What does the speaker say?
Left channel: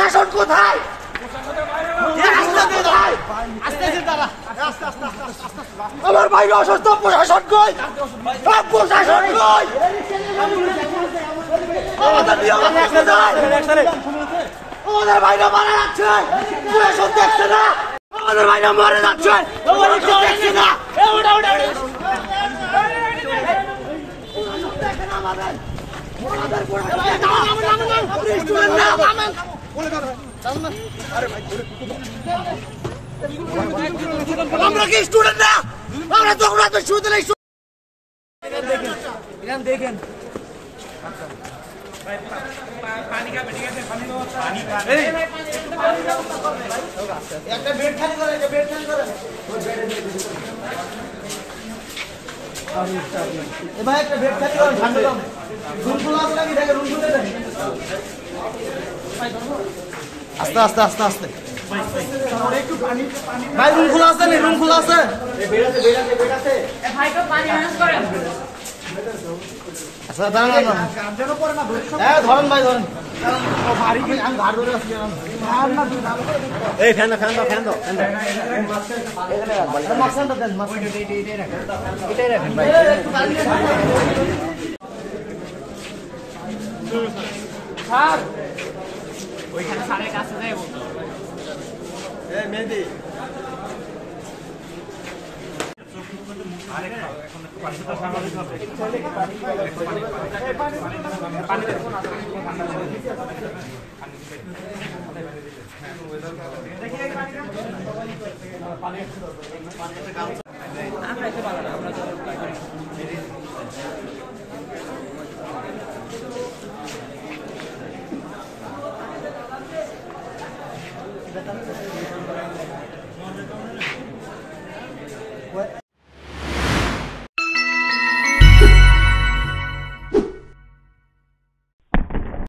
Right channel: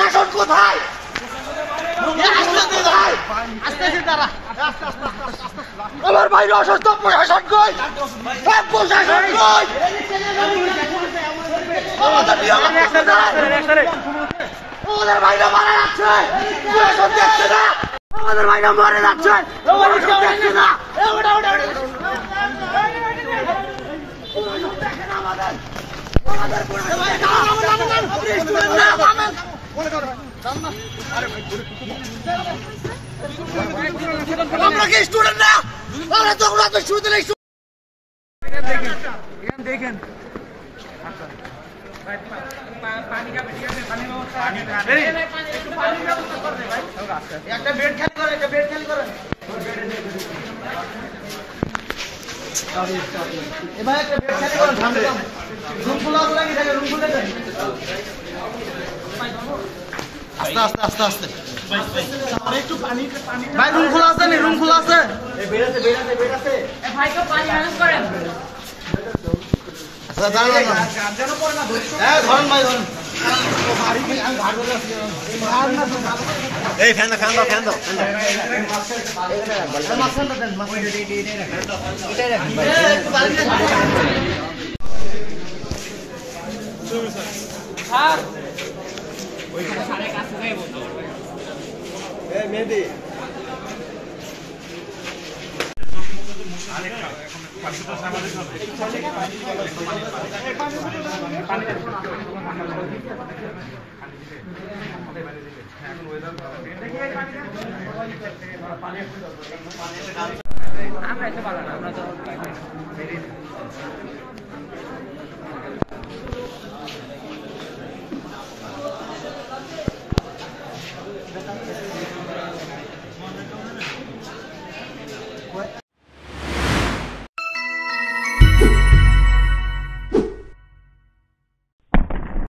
প্রশাসন কোথায়? কোথায়? আমার ভাইরা অসুস্থ, প্রশাসন কই? প্রশাসন কই? আমাদের ভাইরা মারা যাচ্ছে, প্রশাসন দেখছে না। আমাদের ভাইরা মরে যাচ্ছে, দেখছে না। আমরা কি স্টুডেন্ট না? আমরা তো শুরুতে দেখেন একটা বেড খালি করে, একটা বেড খালি করে। এবার একটা বেড খালি করে, ঠান্ডা কম। রুম খোলা লাগে, দেখে রুম খুলে দেন। আস্তে আস্তে আস্তে আস্তে একটু পানি ভাই, রুম খোলা আছে, রুম খোলা আছে। বেড আছে, বেড আছে, বেড আছে। ভাই তো পানি ম্যানেজ করেন। আচ্ছা দাঁড়ান না, গার্জেনও করে না। হ্যাঁ ধরেন ভাই, ধরেন। এই ফ্যান দাও, ফ্যান দাও, ফ্যান দাও। এটাই রাখেন ভাই। ওইখানে সারের কাছে যাই বলতো। এই মেহেদি আমরা